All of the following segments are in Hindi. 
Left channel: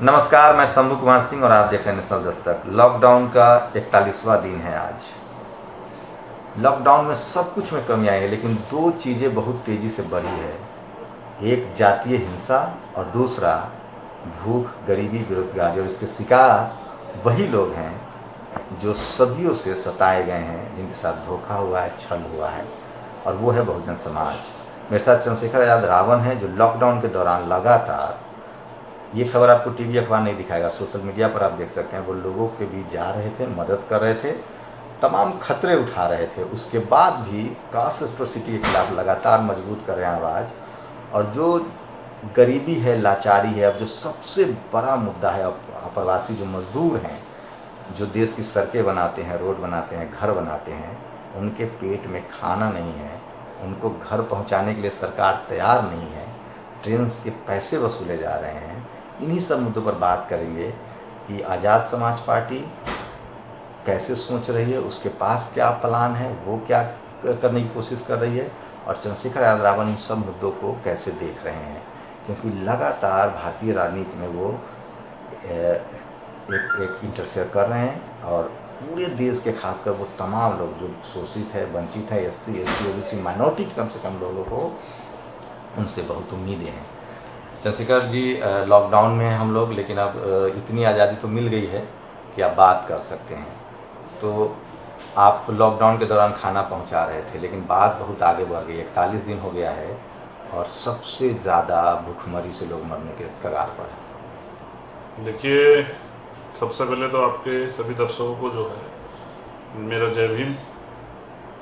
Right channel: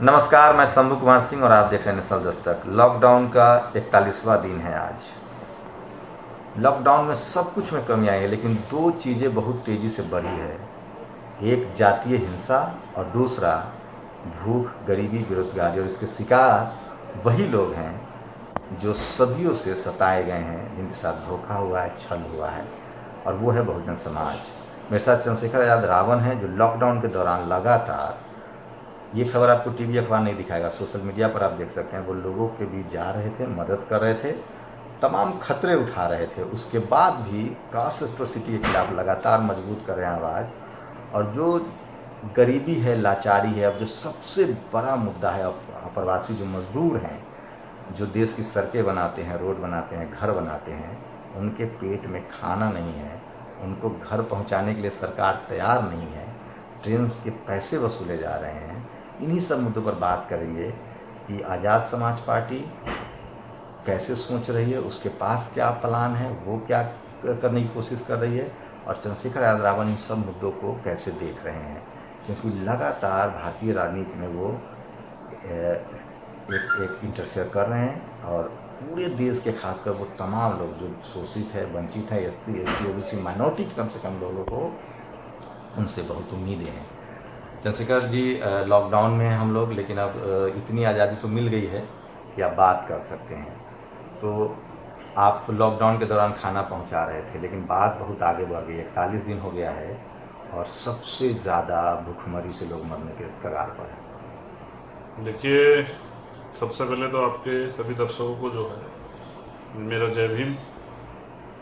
नमस्कार, मैं शंभू कुमार सिंह और आप देख रहे हैं नेशनल दस्तक। लॉकडाउन का 41वां दिन है आज। लॉकडाउन में सब कुछ में कमी आई है, लेकिन दो चीज़ें बहुत तेज़ी से बढ़ी है। एक जातीय हिंसा और दूसरा भूख, गरीबी, बेरोजगारी। और इसके शिकार वही लोग हैं जो सदियों से सताए गए हैं, जिनके साथ धोखा हुआ है, छल हुआ है, और वो है बहुजन समाज। मेरे साथ चंद्रशेखर आजाद रावण है, जो लॉकडाउन के दौरान लगातार, ये खबर आपको टीवी अखबार नहीं दिखाएगा, सोशल मीडिया पर आप देख सकते हैं, वो लोगों के बीच जा रहे थे, मदद कर रहे थे, तमाम खतरे उठा रहे थे। उसके बाद भी कास्ट एट्रोसिटी के खिलाफ लगातार मजबूत कर रहे हैं आवाज़। और जो गरीबी है, लाचारी है, अब जो सबसे बड़ा मुद्दा है, अप्रवासी जो मजदूर हैं, जो देश की सड़कें बनाते हैं, रोड बनाते हैं, घर बनाते हैं, उनके पेट में खाना नहीं है, उनको घर पहुंचाने के लिए सरकार तैयार नहीं है, ट्रेन के पैसे वसूले जा रहे हैं। इन्हीं सब मुद्दों पर बात करेंगे कि आज़ाद समाज पार्टी कैसे सोच रही है, उसके पास क्या प्लान है, वो क्या करने की कोशिश कर रही है, और चंद्रशेखर आजाद रावण इन सब मुद्दों को कैसे देख रहे हैं। क्योंकि लगातार भारतीय राजनीति में वो एक इंटरफेयर कर रहे हैं, और पूरे देश के खासकर वो तमाम लोग जो शोषित है, वंचित है, SC, ST, OBC माइनॉरिटी के कम से कम लोगों को, उनसे बहुत उम्मीदें हैं। चंद्रशेखर जी, लॉकडाउन में हम लोग, लेकिन अब इतनी आज़ादी तो मिल गई है कि आप बात कर सकते हैं। तो आप लॉकडाउन के दौरान खाना पहुंचा रहे थे, लेकिन बात बहुत आगे बढ़ गई। 41 दिन हो गया है और सबसे ज़्यादा भूखमरी से लोग मरने के कगार पर हैं। देखिए, सबसे पहले तो आपके सभी दर्शकों को जो है मेरा जय भीम।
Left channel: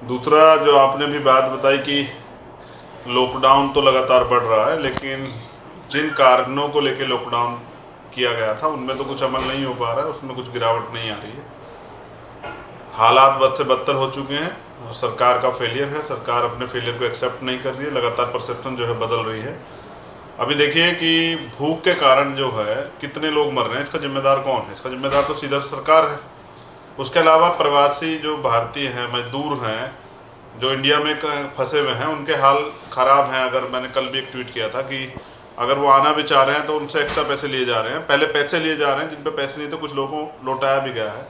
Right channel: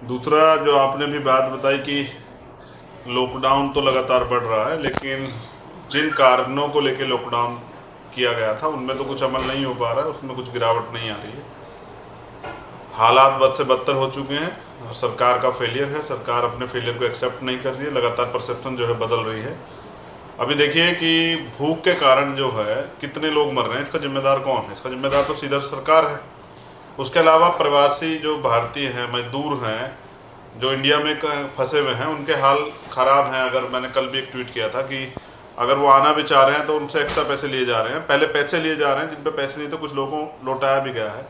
दूसरा, जो आपने भी बात बताई कि लॉकडाउन तो लगातार बढ़ रहा है, लेकिन जिन कारणों को लेकर लॉकडाउन किया गया था उनमें तो कुछ अमल नहीं हो पा रहा है, उसमें कुछ गिरावट नहीं आ रही है। हालात बद से बदतर हो चुके हैं और सरकार का फेलियर है। सरकार अपने फेलियर को एक्सेप्ट नहीं कर रही है, लगातार परसेप्शन जो है बदल रही है। अभी देखिए कि भूख के कारण जो है कितने लोग मर रहे हैं, इसका जिम्मेदार कौन है? इसका जिम्मेदार तो सीधा सरकार है। उसके अलावा प्रवासी जो भारतीय हैं, मजदूर हैं, जो इंडिया में फंसे हुए हैं, उनके हाल ख़राब हैं। अगर मैंने कल भी एक ट्वीट किया था कि अगर वो आना भी चाह रहे हैं तो उनसे एक्स्ट्रा पैसे लिए जा रहे हैं। पहले पैसे लिए जा रहे हैं जिन पे पैसे नहीं, तो कुछ लोगों को लौटाया भी गया है।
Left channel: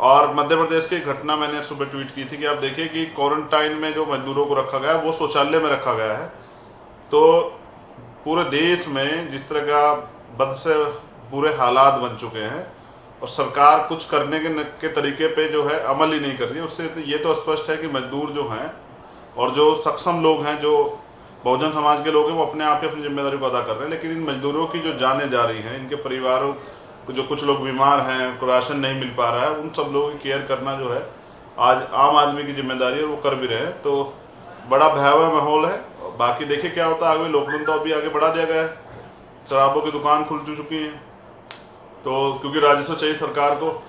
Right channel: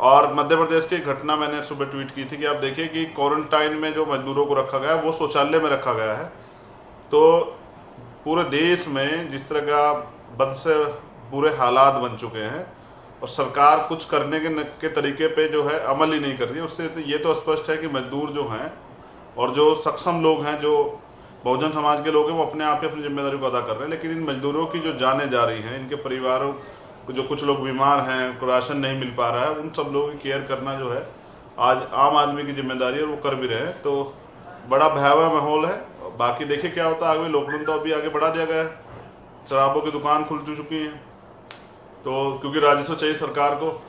और मध्य प्रदेश की घटना मैंने सुबह ट्वीट की थी कि आप देखिए कि क्वारंटाइन में जो मजदूरों को रखा गया है वो शौचालय में रखा गया है। तो पूरे देश में जिस तरह का बद से बुरे हालात बन चुके हैं और सरकार कुछ करने के तरीके पे जो है अमल ही नहीं कर रही है, उससे तो ये तो स्पष्ट है कि मजदूर जो हैं और जो सक्षम लोग हैं, जो बहुजन समाज के लोग हैं, वो अपने आप ही अपनी जिम्मेदारी को अदा कर रहे हैं। लेकिन इन मजदूरों की जो जानें जा रही हैं, इनके परिवारों को, जो कुछ लोग बीमार हैं, को राशन नहीं मिल पा रहा है, उन सब लोगों की केयर करना जो है आज आम आदमी की जिम्मेदारी है, वो कर भी रहे हैं। तो बड़ा भयावह माहौल है। बाकी देखिए क्या होता है आगे। लॉकडाउन तो अभी आगे बढ़ा दिया गया है, शराबों की दुकान खुल चुकी हैं, तो क्योंकि राजस्व चाहिए सरकार को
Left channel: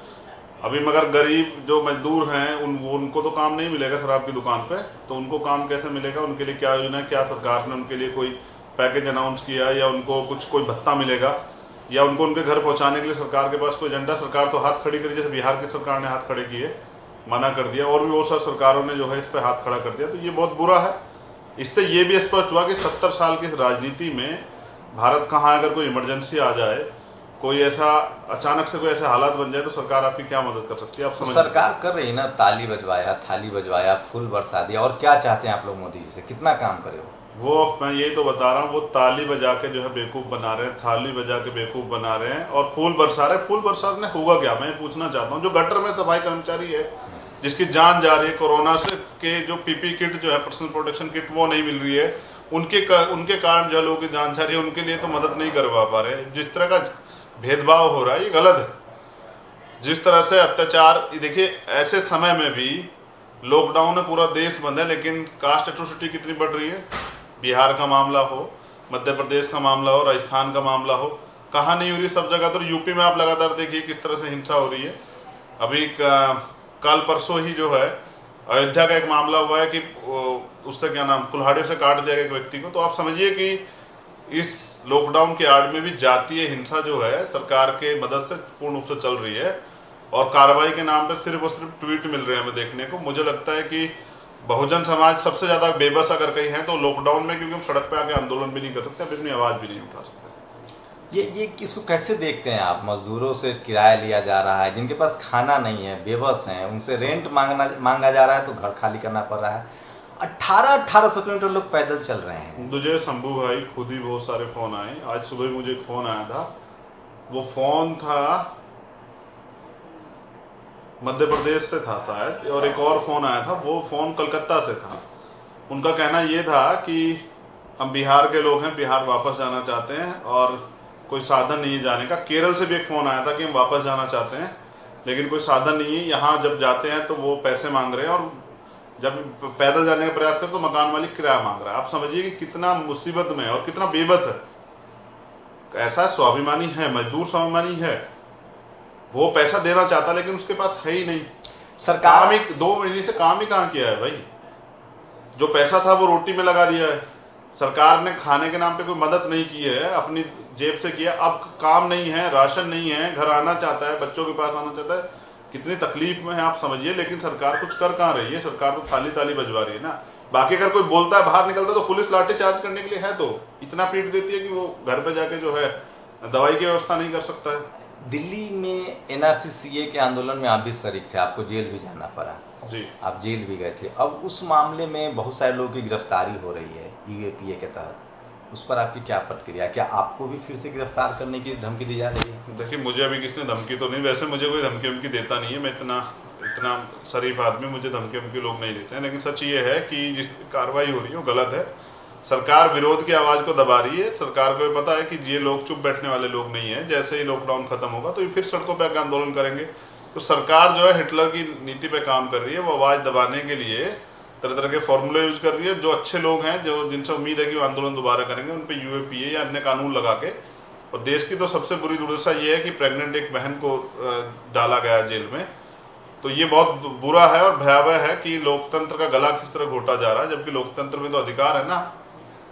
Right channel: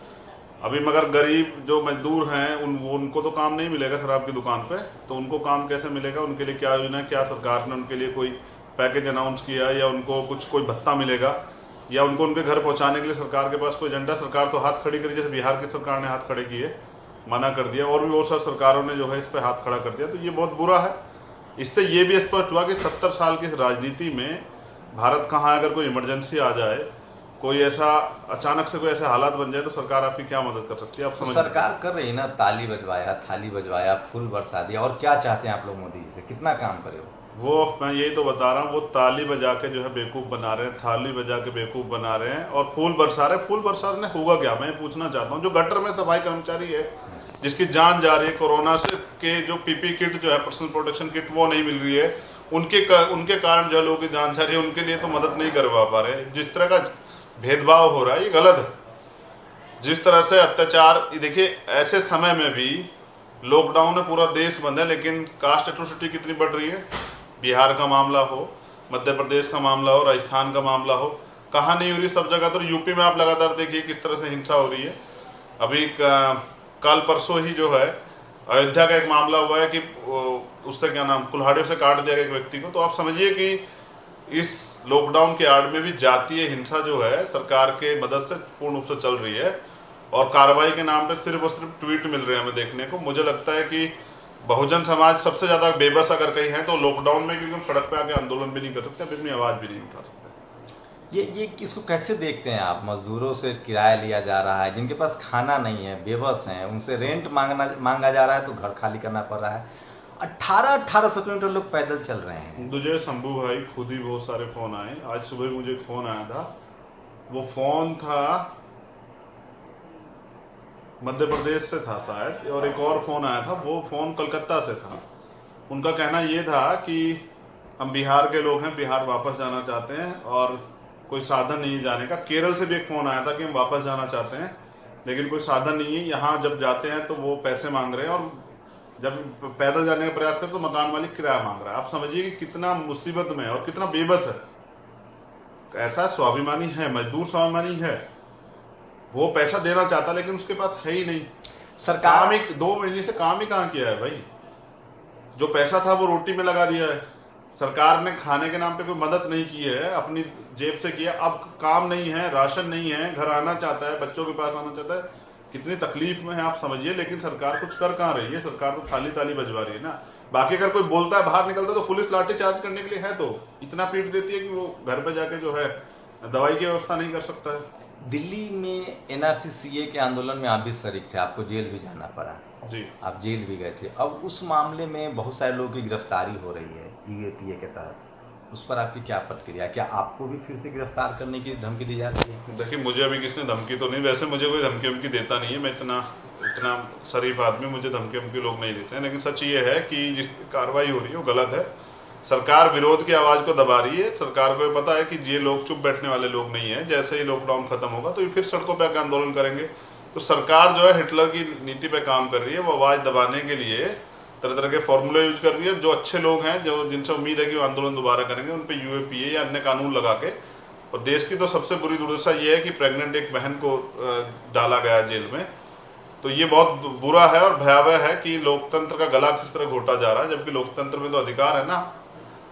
अभी, मगर गरीब जो मजदूर हैं उनको तो काम नहीं मिलेगा शराब की दुकान पे, तो उनको काम कैसे मिलेगा? उनके लिए क्या योजना, क्या सरकार ने उनके लिए कोई पैकेज अनाउंस किया, या उनको कोई भत्ता मिलेगा, या उनको उनके घर पहुंचाने के लिए सरकार के पास कोई एजेंडा? सरकार तो हाथ खड़ी करी, जैसे बिहार की सरकार ने हाथ खड़े किए, मना कर दिया, और भी बहुत सारी सरकारों ने जो है इस पर हाथ खड़ा कर दिया। तो ये बहुत बुरा है। इससे ये भी स्पष्ट हुआ कि 70 साल की राजनीति में भारत कहाँ, अगर कोई इमरजेंसी आ जाए, कोई ऐसा अचानक से कोई ऐसे हालात बन जाए, तो सरकार आपकी क्या मदद कर सकती है? आप समझ सरकार कर रही है ना, ताली बजवाया, थाली बजवाया, फूल बरसा दिया। और क्या चाहते हैं आप लोग मोदी जी से? कितना काम करे वो मैं यही तो बता रहा हूँ, वो ताली बजा के जो है बेवकूफ़ बना रहे हैं, थाली बजा के बेवकूफ़ बना रहे हैं, और फूल बरसा रहे हैं। फूल बरसाने होगा क्या, मैं पूछना चाहता हूँ। जो गटर में सफाई कर्मचारी है, जिसकी जान जा रही है कोरोना से, के जो PP किट जो है, पर्सनल प्रोटेक्शन किट, वो नहीं मिल रही है, उनके कारण जो लोगों की जान जा रही है, उनके लिए तो मदद नहीं करवा पा रहे। जिस तरह का भेदभाव हो रहा है ये गलत है। जिस तरह से अत्याचार, देखिए ऐसे समय में भी लॉकडाउन में पूरा देश बंद है, लेकिन कास्ट एट्रोसिटी कितनी बढ़ रही है। बिहार का मामला हो, मध्य प्रदेश का मामला हो, राजस्थान का मामला हो, कहाँ नहीं हो रही? सब जगह। तो यूपी में आप लगातार देखिए किस तरह से हिंसा हो रही है। अभी कल परसों ही जो है अयोध्या का एक मामला हुआ है कि उससे क्या नाम, कुल्हाड़ियों से काट दिया गया एक व्यक्ति को। तो आप समझिए कि इस लॉकडाउन के आड़ में भी जातीय हिंसा जो है सरकार के मदद से पूर्ण रूप से चल रही है, और कार्रवाई के नाम पे सिर्फ और सिर्फ ट्वीट मिल रहे हैं हमें देखने को। मुझे लगता है कि बहुजन समाज सबसे ज़्यादा बेबस अगर कहीं है तो लॉकडाउन में, क्योंकि हम सड़क पे आके आंदोलन भी नहीं कर सकते, अपनी आवाज़ भी नहीं उठा सकते। ये इसको कैसे देखते हैं आप? मजदूरों से किराया लिया जा रहा है, जिनके पास खाना नहीं है, बेबस हैं, उनसे रेंट मांगा जा रहा है, तो घर खाली करना पड़ रहा है। 1800 किलोमीटर लोग पैदल चल रहे हैं। मुझे शंभू भाई खुद ही बहुत सारे फोन आए। आज सुबह मुझे एक फोन आया था, वो फोन था मध्य प्रदेश से था शायद, और एक और फोन आया था, वो फोन कलकत्ता से था। उनका कहना ये था कि हम बिहार के लोग हैं, बिहार वापस जाना चाहते हैं और कोई साधन नहीं है जाने का। केरल से भी एक फोन आया था कि हम वापस जाना चाहते हैं लेकिन कोई साधन नहीं है, यहाँ जब जाते हैं तो वो पैसे मांग रहे हैं, और जब पैदल जाने का प्रयास करते तो मकान मालिक किराया मांग रहा है। आप समझिए कि कितना मुसीबत में है और कितना बेबस है। ऐसा स्वाभिमानी है, मजदूर स्वाभिमानी है, वो पैसा देना चाहता लेकिन उसके पास है ही नहीं। सरकार काम ही 2 महीने से काम ही कहाँ किया है भाई? जो पैसा था वो रोटी में लगा दिया है। सरकार ने खाने के नाम पे कोई मदद नहीं की है, अपनी जेब से किया। अब काम नहीं है, राशन नहीं है, घर आना चाहता है, बच्चों के पास आना चाहता है, कितनी तकलीफ में है आप समझिए। लेकिन सरकार कुछ कर कहाँ रही है? सरकार तो थाली ताली बजवा रही है ना। बाकी अगर कोई बोलता है, बाहर निकलता है, तो पुलिस लाठी चार्ज करने के लिए है, तो इतना पीट देती है कि वो घर पे जाके जो है दवाई की व्यवस्था नहीं कर सकता है। दिल्ली में एनआरसी के आंदोलन में आप भी शरीक थे, आपको जेल भी जाना पड़ा, जी। आप जेल भी गए थे। अब उस मामले में बहुत सारे लोगों की गिरफ्तारी हो रही है यूएपीए के तहत, उस पर आपकी क्या प्रतिक्रिया? क्या आपको भी फिर से गिरफ्तार करने की धमकी दी जा रही है? देखिए, मुझे अभी किसने धमकी तो नहीं, वैसे मुझे कोई धमकी वमकी देता नहीं है, मैं इतना शरीफ आदमी, मुझे धमकी वमकी लोग नहीं देते हैं। लेकिन सच ये है कि जिस कार्रवाई हो रही है वो गलत है। सरकार विरोध की आवाज को दबा रही है। सरकार को पता है कि ये लोग चुप बैठने वाले लोग नहीं है। जैसे ही लॉकडाउन खत्म होगा तो ये फिर सड़कों पर आकर आंदोलन करेंगे। तो सरकार जो है हिटलर की नीति पे काम कर रही है, वो आवाज दबाने के लिए तरह तरह के फॉर्मूले यूज कर रही है। जो अच्छे लोग हैं, जो जिनसे उम्मीद है कि वो आंदोलन दोबारा करेंगे, उन पे यूएपीए या अन्य कानून लगा के। और देश की तो सबसे बुरी दुर्दशा ये है कि प्रेग्नेंट एक बहन को डाला गया जेल में। तो ये बहुत बुरा है और भयावह है कि लोकतंत्र का गला किस तरह घोटा जा रहा है, जबकि लोकतंत्र में तो अधिकार है ना,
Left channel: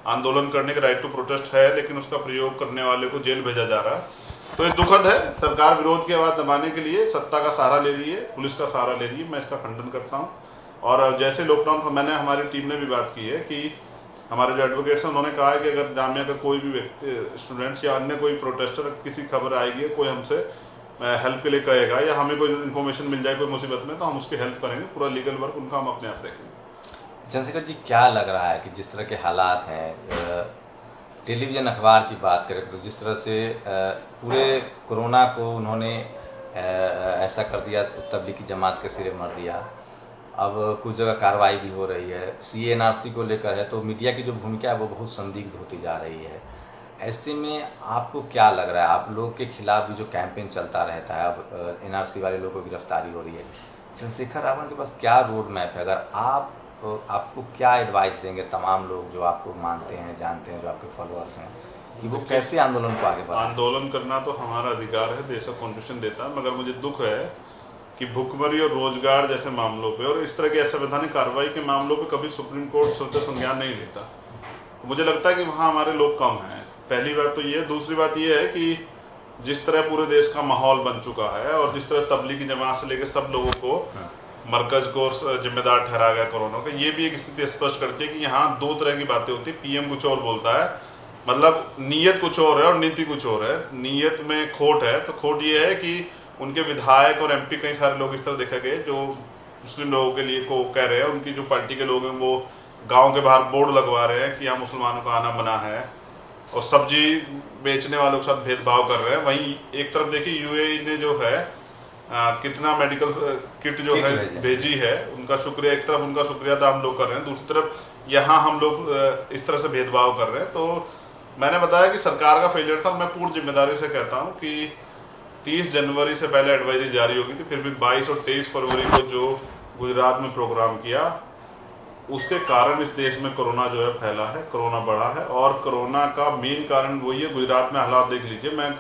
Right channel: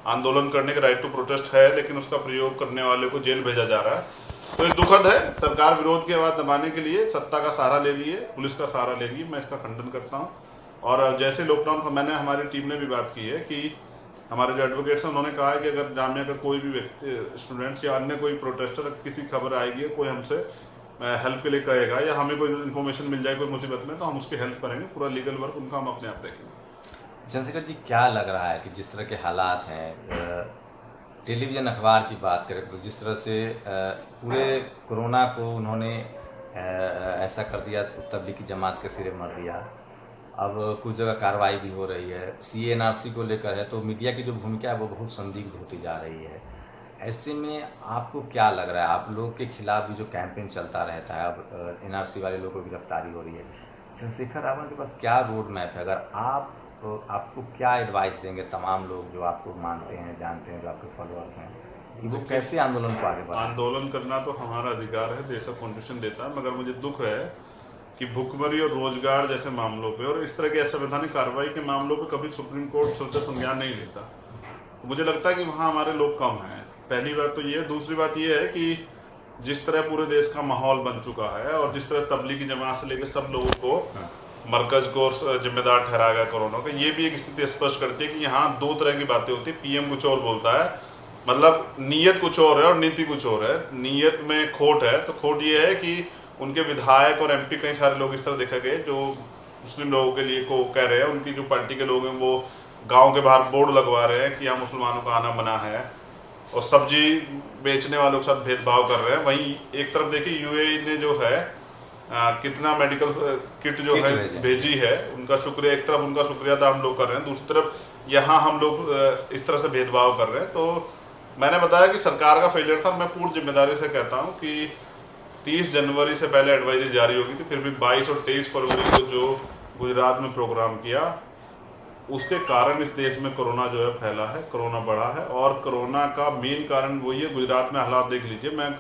आंदोलन करने का राइट टू प्रोटेस्ट है, लेकिन उसका प्रयोग करने वाले को जेल भेजा जा रहा है। तो ये दुखद है। सरकार विरोध की आवाज दबाने के लिए सत्ता का सहारा ले रही है, पुलिस का सहारा ले रही है। मैं इसका खंडन करता हूँ। और जैसे लॉकडाउन का मैंने, हमारी टीम ने भी बात की है कि हमारे जो एडवोकेट्स हैं उन्होंने कहा है कि अगर जामिया का कोई भी व्यक्ति, स्टूडेंट्स या अन्य कोई प्रोटेस्टर, किसी खबर आएगी, कोई हमसे हेल्प के लिए कहेगा या हमें कोई इन्फॉर्मेशन मिल जाए कोई मुसीबत में, तो हम उसकी हेल्प करेंगे। पूरा लीगल वर्क उनका हम अपने आप देखेंगे। चंद्रशेखर जी, क्या लग रहा है कि जिस तरह के हालात हैं, टेलीविज़न अखबार की बात करें तो जिस तरह से पूरे कोरोना को उन्होंने ऐसा कर दिया, तबलीगी जमात के सिरे मर दिया। अब कुछ जगह कार्रवाई भी हो रही है, सीएनआरसी को लेकर है, तो मीडिया की जो भूमिका है वो बहुत संदिग्ध होती जा रही है। ऐसे में आपको क्या लग रहा है? आप लोग के खिलाफ भी जो कैंपेन चलता रहता है, अब एनआरसी वाले लोगों को गिरफ्तारी हो रही है, चंद्रशेखर रावण के पास क्या रोड मैप है? अगर आप, तो आपको क्या एडवाइस देंगे तमाम लोग जो आपको मानते हैं, जानते हैं, जो आपके फॉलोअर्स हैं, कि वो कैसे आंदोलन को आगे बढ़ाएं? आंदोलन करना तो हमारा अधिकार है, देश का कॉन्स्टिट्यूशन देता है। मगर मुझे दुख है कि भुखमरी और रोजगार जैसे मामलों पे और इस तरह की असंवैधानिक कार्रवाई के मामलों पे कभी सुप्रीम कोर्ट सोचा संज्ञान नहीं लेता। तो मुझे लगता है कि वहाँ हमारे लोग कम हैं। पहली बात तो ये है। दूसरी बात ये है कि जिस तरह पूरे देश का माहौल बन चुका है और जिस तरह तबलीगी जमात से लेकर सब लोगों को मरकज को जिम्मेदार ठहरा गया कोरोना का, ये भी एक स्थिति स्पष्ट करती है कि यहाँ 2 तरह की बातें होती है। पीएम कुछ और बोलता है, मतलब नीयत कुछ और है और नीति कुछ और है। नीयत में खोट है, तो खोट ये है कि उनके विधायक और एमपी कई सारे लोग इस तरह देखा गए जो मुस्लिम लोगों के लिए को कह रहे हैं। उनकी जो पार्टी के लोग हैं वो गांव के बाहर बोर्ड लगवा रहे हैं कि यहाँ मुसलमानों का आना मना है, और सब्जी बेचने वालों के साथ भेदभाव कर रहे हैं। वहीं एक तरफ देखिए यूएई ने जो है कितना मेडिकल किट जो है भेजी है, उनका शुक्रिया, एक तरफ उनका शुक्रिया अदा हम लोग कर रहे हैं, दूसरी तरफ यहाँ हम लोग इस तरह से भेदभाव कर रहे हैं। तो मैंने बताया कि सरकार का फेलियर था। मैं पूर्ण जिम्मेदारी से कहता हूँ कि 30 जनवरी से पहले एडवाइजरी जारी होगी थी, फिर भी 22 और 23 फरवरी को जो गुजरात में प्रोग्राम किया, उसके कारण इस देश में कोरोना जो है फैला है, कोरोना बढ़ा है। और कोरोना का मेन कारण वही है। गुजरात में हालात देख लीजिए।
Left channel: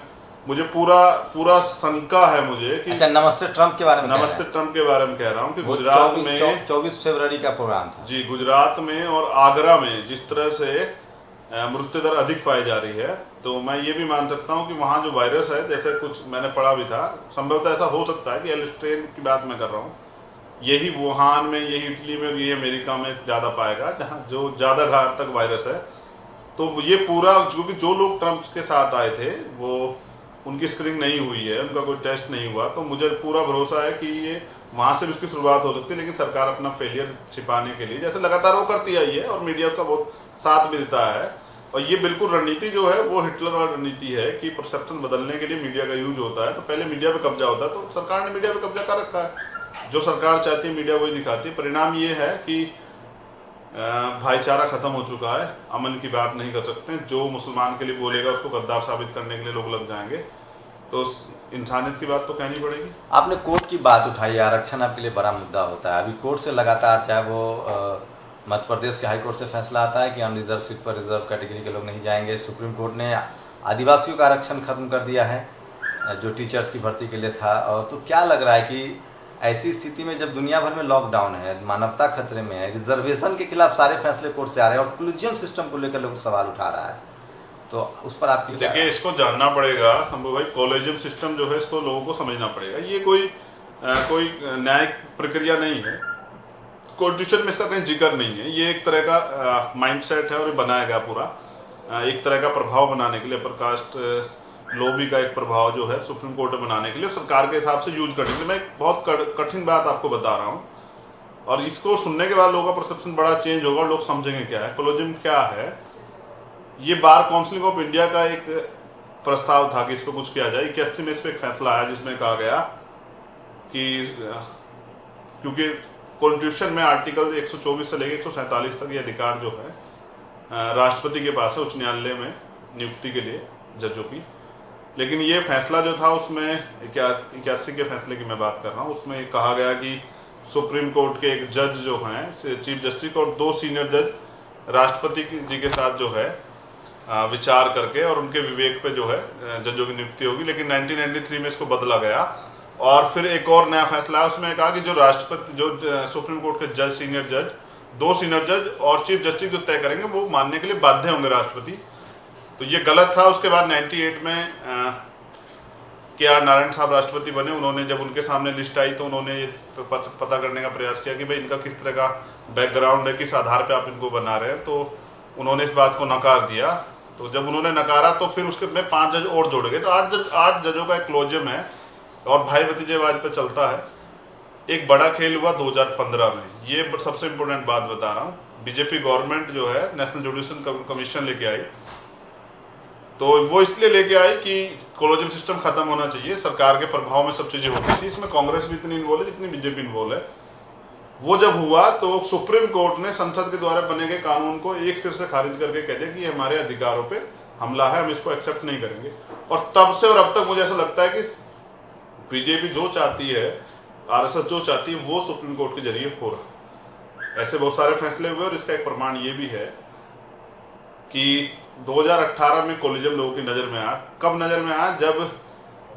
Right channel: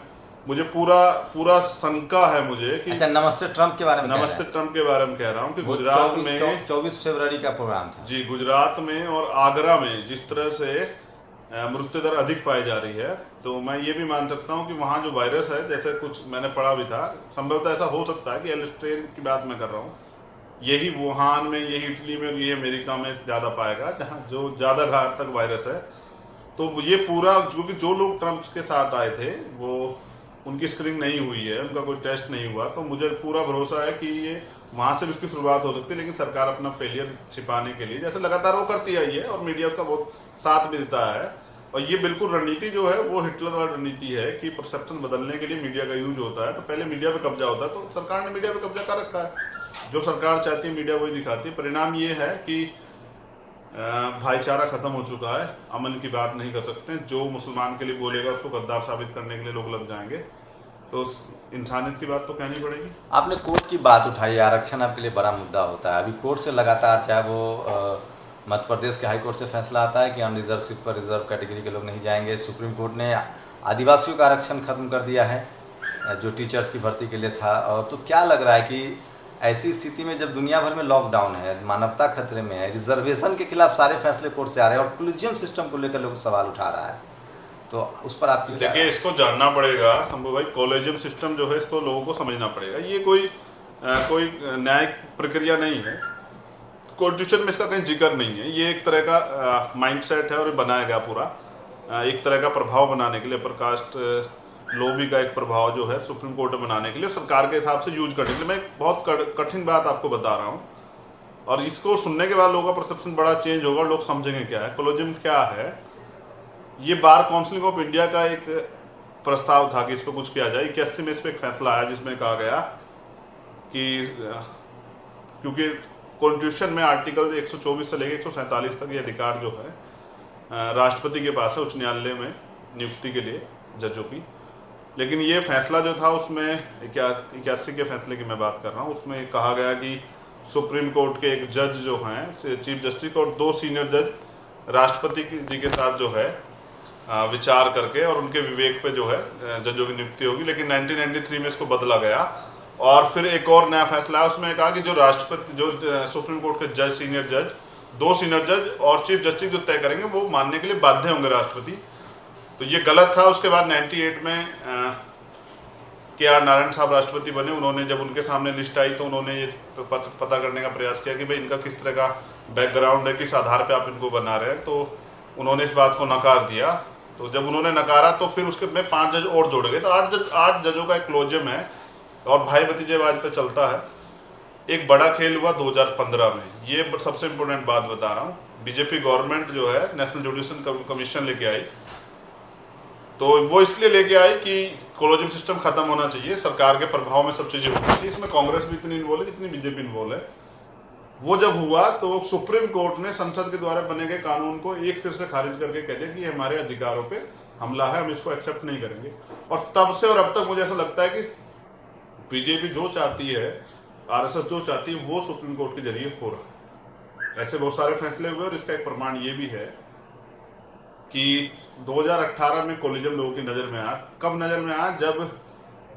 मुझे पूरा शंका है मुझे कि अच्छा, नमस्ते ट्रंप के बारे में कह रहा हूँ कि गुजरात में 24 फरवरी का प्रोग्राम था जी। गुजरात में और आगरा में जिस तरह से मृत्यु दर अधिक पाई जा रही है, तो मैं ये भी मान सकता हूँ कि वहाँ जो वायरस है, जैसे कुछ मैंने पढ़ा भी था, संभवतः ऐसा हो सकता है कि एल स्ट्रेन की बात मैं कर रहा हूँ, यही वुहान में, यही इटली में, ये अमेरिका में ज़्यादा पाएगा, जहाँ जो ज़्यादा घातक वायरस है। तो ये पूरा, क्योंकि जो लोग ट्रंप के साथ आए थे वो उनकी स्क्रीनिंग नहीं हुई है, उनका कोई टेस्ट नहीं हुआ, तो मुझे पूरा भरोसा है कि ये वहां से भी उसकी शुरुआत हो सकती है। लेकिन सरकार अपना फेलियर छिपाने के लिए जैसे लगातार वो करती आई है और मीडिया उसका बहुत साथ भी देता है, और ये बिल्कुल रणनीति जो है वो हिटलर वाली रणनीति है कि परसेप्शन बदलने के लिए मीडिया का यूज होता है। तो पहले मीडिया पे कब्जा होता है, तो सरकार ने मीडिया पे कब्जा कर रखा है, जो सरकार चाहती है मीडिया वही दिखाती है। परिणाम ये है कि भाईचारा खत्म हो चुका है, अमन की बात नहीं कर सकते, जो मुसलमान के लिए बोलेगा उसको गद्दार साबित करने के लिए लोग लग जाएंगे, तो इंसानियत की बात तो कहनी पड़ेगी। आपने कोर्ट की बात उठाई, आरक्षण आपके लिए बड़ा मुद्दा होता है। अभी कोर्ट से लगातार, चाहे वो मध्य प्रदेश के हाई कोर्ट से फैसला आता है कि अनरिजर्व सीट पर रिजर्व कैटेगरी के लोग नहीं जाएंगे, सुप्रीम कोर्ट ने आदिवासियों का आरक्षण खत्म कर दिया है जो टीचर्स की भर्ती के लिए था। और तो क्या लग रहा है कि ऐसी स्थिति में जब दुनिया भर में लॉकडाउन है, मानवता खतरे में है, रिजर्वेशन के खिलाफ सारे फैसले कोर्ट से आ रहे हैं और कोलिजियम सिस्टम को लेकर लोग सवाल उठा रहा है, तो उस पर आपकी देखिए, इसको जानना पड़ेगा शंभू भाई, कॉलेजियम सिस्टम जो है इसको लोगों को समझना पड़ेगा। ये कोई न्यायिक प्रक्रिया नहीं है, कॉन्स्टिट्यूशन में इसका कहीं जिक्र नहीं है। ये एक तरह का माइंडसेट है और ये बनाया गया पूरा एक तरह का प्रभाव बनाने के लिए, अपर कास्ट लॉबी का एक प्रभाव जो है सुप्रीम कोर्ट में बनाने के लिए, सरकार के हिसाब से यूज करने के लिए। मैं एक बहुत कठिन बात आपको बता रहा हूँ, और इसको सुनने के बाद लोगों का परसेप्शन बड़ा चेंज होगा और लोग समझेंगे क्या है कॉलेजियम क्या है। ये बार काउंसिल ऑफ इंडिया का एक प्रस्ताव था कि इस पर कुछ किया जाए। 81 में इस पर एक फैसला आया जिसमें कहा गया कि क्योंकि कॉन्स्टिट्यूशन में आर्टिकल 124 से लेकर 147 तक ये अधिकार जो है राष्ट्रपति के पास है उच्च न्यायालय में नियुक्ति के लिए जजों की। लेकिन ये फैसला जो था उसमें 81 के फैसले की मैं बात कर रहा हूँ, उसमें कहा गया कि सुप्रीम कोर्ट के एक जज जो हैं चीफ जस्टिस और 2 सीनियर जज राष्ट्रपति जी के साथ जो है विचार करके और उनके विवेक पे जो है जजों की नियुक्ति होगी। लेकिन 1993 में इसको बदला गया और फिर एक और नया फैसला है, उसमें कहा कि जो राष्ट्रपति, जो सुप्रीम कोर्ट के जज, सीनियर जज, 2 सीनियर जज और चीफ जस्टिस जो तय करेंगे वो मानने के लिए बाध्य होंगे राष्ट्रपति। तो ये गलत था। उसके बाद 98 में के.आर. नारायण साहब राष्ट्रपति बने। उन्होंने जब उनके सामने लिस्ट आई तो उन्होंने ये पता करने का प्रयास किया कि भाई इनका किस तरह का बैकग्राउंड है, किस आधार पे आप इनको बना रहे हैं। तो उन्होंने इस बात को नकार दिया। तो जब उन्होंने नकारा तो फिर उसके में 5 जज और जोड़े गए, तो 8 जजों का एक क्लोजियम है और भाई भतीजेवाद पे चलता है। एक बड़ा खेल हुआ 2015 में, ये सबसे इम्पोर्टेंट बात बता रहा हूँ। बीजेपी गवर्नमेंट जो है नेशनल जुडिशियल कमीशन लेके आई, तो वो इसलिए लेके आई कि कॉलेजियम सिस्टम खत्म होना चाहिए, सरकार के प्रभाव में सब चीजें होती थी। इसमें कांग्रेस भी इतनी इन्वॉल्व है जितनी बीजेपी इन्वॉल्व है। वो जब हुआ तो सुप्रीम कोर्ट ने संसद के द्वारा बने गए कानून को एक सिर से खारिज करके कह दिया कि हमारे अधिकारों पे हमला है, हम इसको एक्सेप्ट नहीं करेंगे। और तब से और अब तक मुझे ऐसा लगता है कि बीजेपी जो चाहती है, आरएसएस जो चाहती है, वो सुप्रीम कोर्ट के जरिए हो रहा है। ऐसे बहुत सारे फैसले हुए और इसका एक प्रमाण ये भी है कि 2018 में कॉलेजियम लोगों की नजर में आया। कब नजर में आया? जब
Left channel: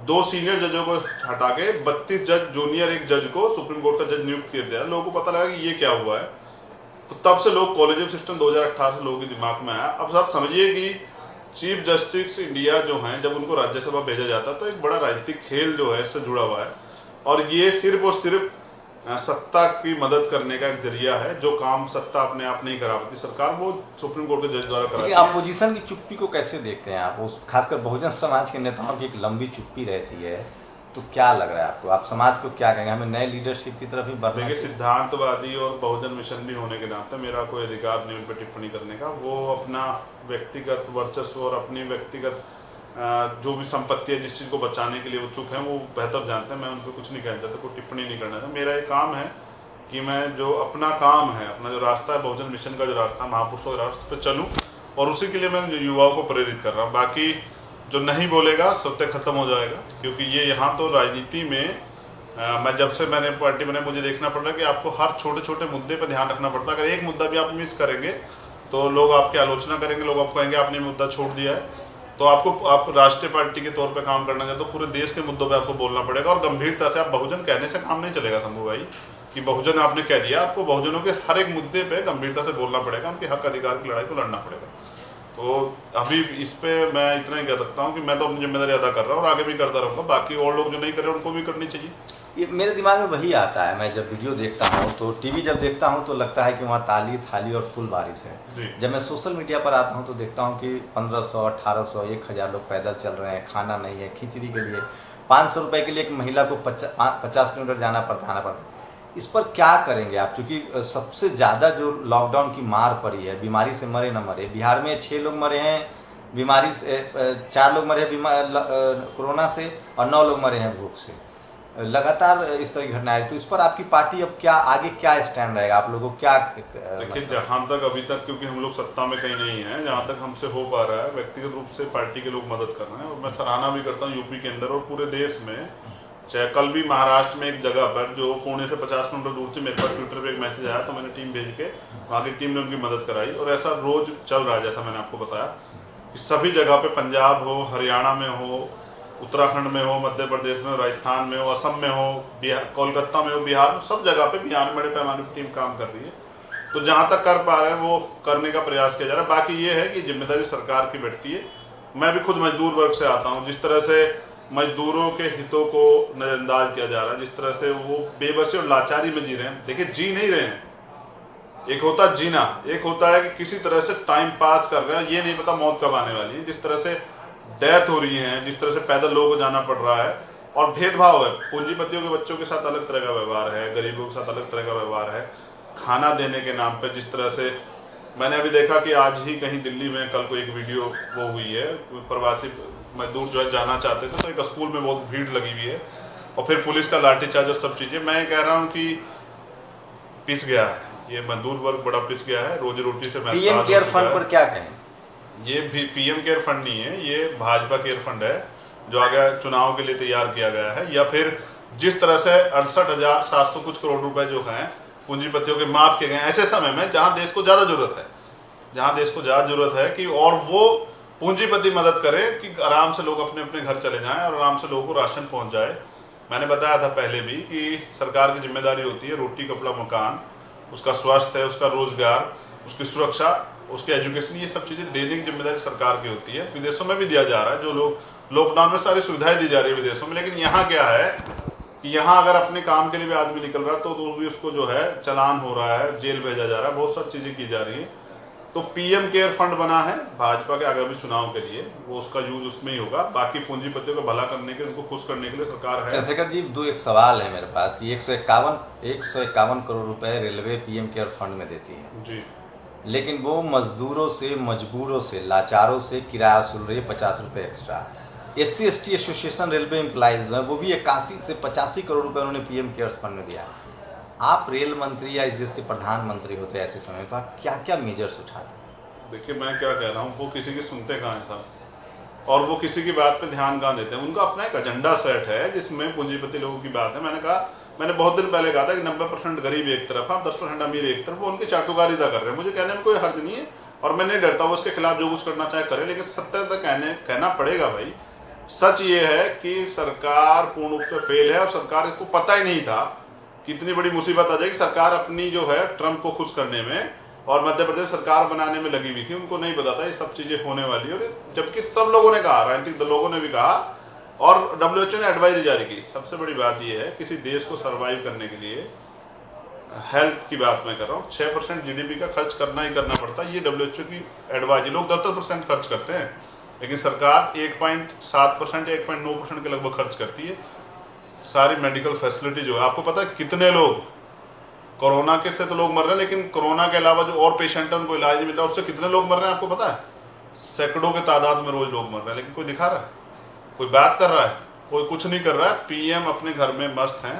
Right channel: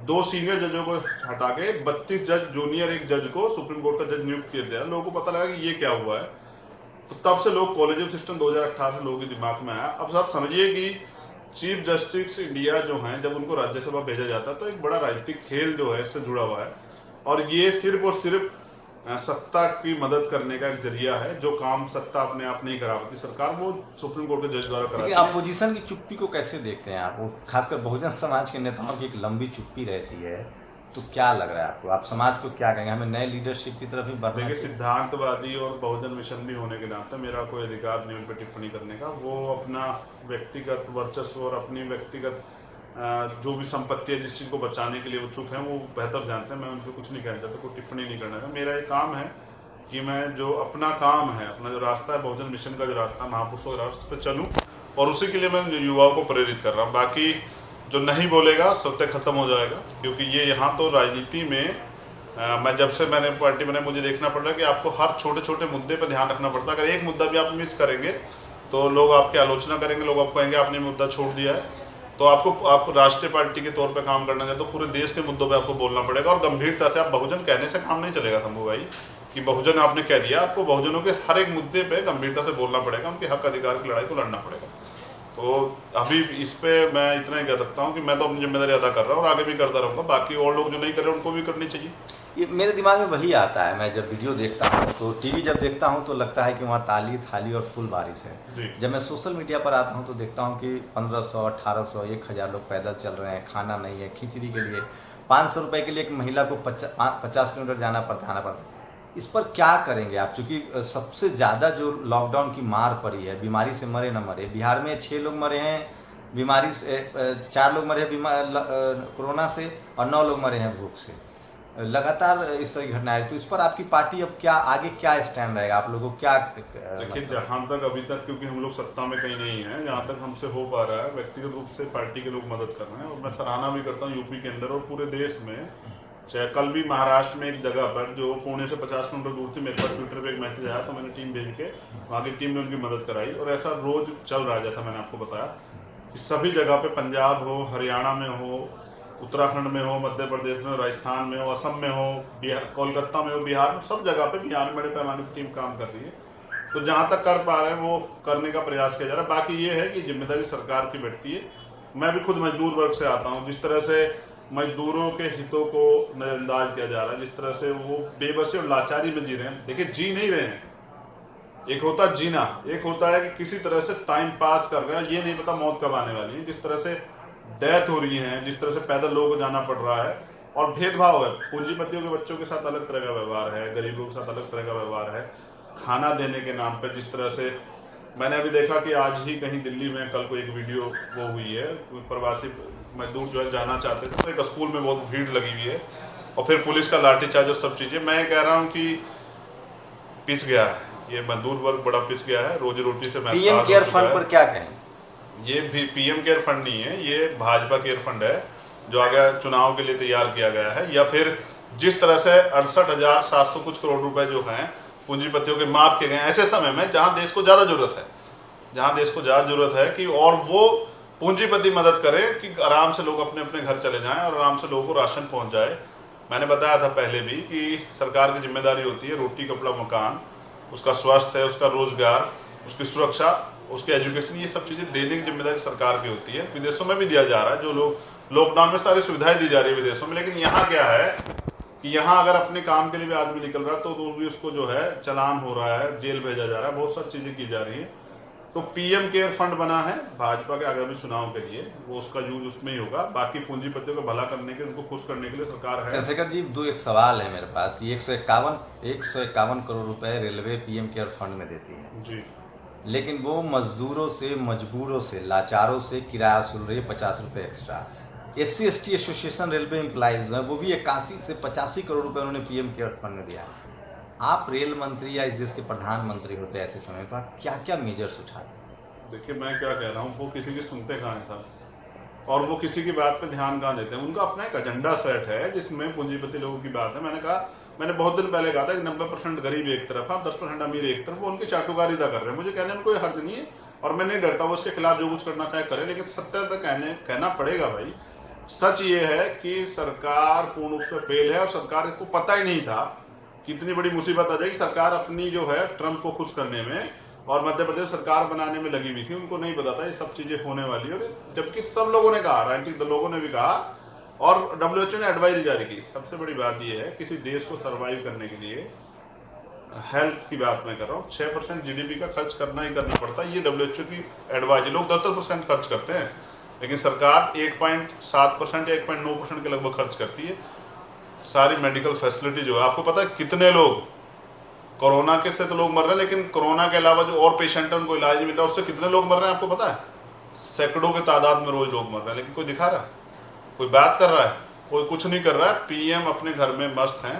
2 सीनियर जजों को हटा के 32 जज, जूनियर एक जज को सुप्रीम कोर्ट का जज नियुक्त किया गया। लोगों को पता लगा कि ये क्या हुआ है, तो तब से लोग कॉलेजियम सिस्टम 2018 में लोगों के दिमाग में आया। अब आप समझिए कि चीफ जस्टिस इंडिया जो हैं, जब उनको राज्यसभा भेजा जाता है तो एक बड़ा राजनीतिक खेल जो है इससे जुड़ा हुआ है, और ये सिर्फ और सिर्फ सत्ता की मदद करने का एक जरिया है। जो काम सत्ता अपने आप नहीं करा पाती सरकार, वो सुप्रीम कोर्ट के जज द्वारा कराती है। अपोजिशन की चुप्पी को कैसे देखते हैं आप? उस खासकर बहुजन समाज के नेताओं की एक लंबी चुप्पी रहती है, तो क्या लग रहा है आपको? आप समाज को क्या कहेंगे? हमें नए लीडरशिप की तरफ ही बढ़ना देखिए, सिद्धांतवादी और बहुजन मिशन भी होने के नाते मेरा कोई अधिकार नहीं उन पर टिप्पणी करने का। वो अपना व्यक्तिगत वर्चस्व और अपनी व्यक्तिगत जो भी संपत्ति है, जिस चीज़ को बचाने के लिए वो चुप है, वो बेहतर जानते हैं। मैं उनको कुछ नहीं कहता, तो कोई टिप्पणी नहीं करना है। मेरा एक काम है कि मैं जो अपना काम है, अपना जो रास्ता है, बहुजन मिशन का जो रास्ता, महापुरुषों के रास्ते पर चलूँ, और उसी के लिए मैं युवाओं को प्रेरित कर रहा हूँ। बाकी जो नहीं बोलेगा सत्य खत्म हो जाएगा, क्योंकि ये यहाँ तो राजनीति में मैं जब से मैंने पार्टी बनाई मुझे देखना पड़ रहा है कि आपको हर छोटे छोटे मुद्दे पर ध्यान रखना पड़ता है। अगर एक मुद्दा भी आप मिस करेंगे तो लोग आपकी आलोचना करेंगे, लोग आपको कहेंगे आपने मुद्दा छोड़ दिया है। तो आप राष्ट्रीय पार्टी के तौर पे काम करना चाहते तो पूरे देश के मुद्दों पे आपको बोलना पड़ेगा, और गंभीरता से। आप बहुजन कहने से काम नहीं चलेगा शंभू भाई, कि बहुजन आपने कह दिया। आपको बहुजनों के हर एक मुद्दे पे गंभीरता से बोलना पड़ेगा, उनके हक अधिकार की लड़ाई को लड़ना पड़ेगा। तो अभी इस पे मैं इतना ही कह सकता हूँ कि मैं तो अपनी जिम्मेदारी अदा कर रहा हूँ और आगे भी करता रहूँगा। बाकी और लोग जो नहीं कर रहे उनको भी करनी चाहिए। ये मेरे दिमाग में वही आता है, मैं जब वीडियो देखता हूँ तो टीवी जब देखता हूँ तो लगता है कि वहाँ ताली थाली और फुल बारिश है। जी। जब मैं सोशल मीडिया पर आता हूँ तो देखता हूँ कि 1500 1800 1000 लोग पैदल चल रहे हैं, खाना नहीं है, खिचड़ी के लिए 500 रुपये के लिए एक महिला को 50 किलोमीटर आना पड़ता है। इस पर क्या करेंगे आप? क्योंकि सबसे ज़्यादा जो लॉकडाउन की मार पड़ी है, बीमारी से मरे न मरे, बिहार में 6 लोग मरे हैं बीमारी से, 4 लोग मरे हैं कोरोना से और 9 लोग मरे हैं भूख से। लगातार इस तरह की घटनाएं, तो इस पर आपकी पार्टी अब क्या आगे क्या स्टैंड रहेगा? आप लोगों को क्या देखिए, जहाँ तक अभी तक, क्योंकि हम लोग सत्ता में कहीं नहीं है, जहाँ तक हमसे हो पा रहा है व्यक्तिगत रूप से पार्टी के लोग मदद कर रहे हैं और मैं सराहना भी करता हूँ यूपी के अंदर और पूरे देश में। चाहे कल भी महाराष्ट्र में एक जगह पर जो पुणे से 50 किलोमीटर दूर थी, मेरे पास ट्विटर पे एक मैसेज आया तो मैंने टीम भेज के वहाँ की टीम ने उनकी मदद कराई और ऐसा रोज चल रहा है। जैसा मैंने आपको बताया कि सभी जगह पे, पंजाब हो, हरियाणा में हो, उत्तराखंड में हो, मध्य प्रदेश में, राजस्थान में हो, असम में हो, बिहार, कोलकाता में हो, बिहार में, सब जगह पे बिहार में बड़े पैमाने पर टीम काम कर रही है। तो जहाँ तक कर पा रहे हैं वो करने का प्रयास किया जा रहा है। बाकी ये है कि जिम्मेदारी सरकार की बैठती है। मैं भी खुद मजदूर वर्ग से आता हूँ। जिस तरह से मजदूरों के हितों को नजरअंदाज किया जा रहा है, जिस तरह से वो बेबसी और लाचारी में जी रहे हैं। देखिए, जी नहीं रहे हैं। एक होता है जीना, एक होता है कि किसी तरह से टाइम पास कर रहे हैं, ये नहीं पता मौत कब आने वाली है। जिस तरह से डेथ हो रही है, जिस तरह से पैदल लोगों को जाना पड़ रहा है और भेदभाव है। पूंजीपतियों के बच्चों के साथ अलग तरह का व्यवहार है, गरीबों के साथ अलग तरह का व्यवहार है। खाना देने के नाम पर जिस तरह से मैंने अभी देखा कि आज ही कहीं दिल्ली में कल को एक वीडियो वो हुई है, प्रवासी मजदूर जो है जाना चाहते थे तो एक स्कूल में बहुत भीड़ लगी हुई है और फिर पुलिस का लाठीचार्ज और सब चीज़ें। मैं कह रहा हूँ कि पिस गया है ये मजदूर वर्ग, बड़ा पिस गया है। रोजी रोटी से पीएम केयर फंड पर क्या कहें? ये भी पीएम केयर फंड नहीं है, ये भाजपा केयर फंड है जो आगे चुनाव के लिए तैयार किया गया है। या फिर जिस तरह से 68,700 कुछ करोड़ रुपए जो हैं पूंजीपतियों के माफ किए गए ऐसे समय में जहां देश को ज्यादा जरूरत है, जहां देश को ज्यादा जरूरत है कि और वो पूंजीपति मदद करें कि आराम से लोग अपने अपने घर चले जाएं और आराम से लोगों को राशन पहुंच जाए। मैंने बताया था पहले भी कि सरकार की जिम्मेदारी होती है रोटी कपड़ा मकान, उसका स्वास्थ्य है, उसका रोजगार, उसकी सुरक्षा, उसके एजुकेशन, ये सब चीज़ें देने की जिम्मेदारी सरकार की होती है। विदेशों में भी दिया जा रहा है, जो लोग लॉकडाउन में सारी सुविधाएं दी जा रही है विदेशों में। लेकिन यहाँ क्या है कि यहाँ अगर अपने काम के लिए भी आदमी निकल रहा है तो भी उसको जो है चालान हो रहा है, जेल भेजा जा रहा है, बहुत सारी चीज़ें की जा रही है। तो पीएम केयर फंड बना है भाजपा के आगामी चुनाव के लिए, वो उसका यूज उसमें ही होगा। बाकी पूंजीपतियों को भला करने के, उनको खुश करने के लिए सरकार है। चंद्रशेखर जी, एक सवाल है मेरे पास कि 151 करोड़ रुपए रेलवे पीएम केयर फंड में देती है जी, लेकिन वो मजदूरों से, मजबूरों से, लाचारों से किराया वसूल रही है 50 रुपये extra. SC/ST association railway employees है, वो भी 81 से 85 करोड़ रुपए उन्होंने पीएम केयर्स फंड में दिया। आप रेल मंत्री या इस देश के प्रधानमंत्री होते ऐसे समय तो आप क्या क्या मेजर्स उठाते? देखिए, मैं क्या कह रहा हूँ, वो किसी की सुनते कहाँ हैं साहब, और वो किसी की बात पर ध्यान कहाँ देते हैं। उनका अपना एक एजेंडा सेट है जिसमें पूंजीपति लोगों की बात है। मैंने बहुत दिन पहले कहा था कि 90% गरीब एक तरफ है, 10% अमीर एक तरफ, वो उनकी चाटुकारिता कर रहे हैं। मुझे कहने में कोई हर्ज नहीं है और मैं नहीं डरता, वो उसके खिलाफ जो कुछ करना चाहे करे, लेकिन सत्य तक कहना पड़ेगा भाई। सच ये है कि सरकार पूर्ण रूप से फेल है और सरकार को पता ही नहीं था कि इतनी बड़ी मुसीबत आ जाएगी। सरकार अपनी जो है ट्रंप को खुश करने में और मध्य प्रदेश सरकार बनाने में लगी हुई थी, उनको नहीं पता था ये सब चीजें होने वाली। और जबकि सब लोगों ने कहा, राजनीतिक लोगों ने भी कहा और WHO ने एडवाइजरी जारी की। सबसे बड़ी बात यह है, किसी देश को सर्वाइव करने के लिए, हेल्थ की बात मैं कर रहा हूँ, 6% GDP का खर्च करना ही करना पड़ता है। ये WHO की एडवाइजरी। लोग 10% खर्च करते हैं लेकिन सरकार 1.7% या 1.9% के लगभग खर्च करती है। सारी मेडिकल फैसिलिटी जो है, आपको पता है कितने लोग कोरोना के से तो लोग मर रहे हैं, लेकिन कोरोना के अलावा जो और पेशेंट है उनको इलाज मिल रहा है, उससे कितने लोग मर रहे हैं आपको पता है? सैकड़ों के तादाद में रोज लोग मर रहे हैं, लेकिन कोई दिखा रहा है, कोई बात कर रहा है, कोई कुछ नहीं कर रहा है। पीएम अपने घर में मस्त हैं,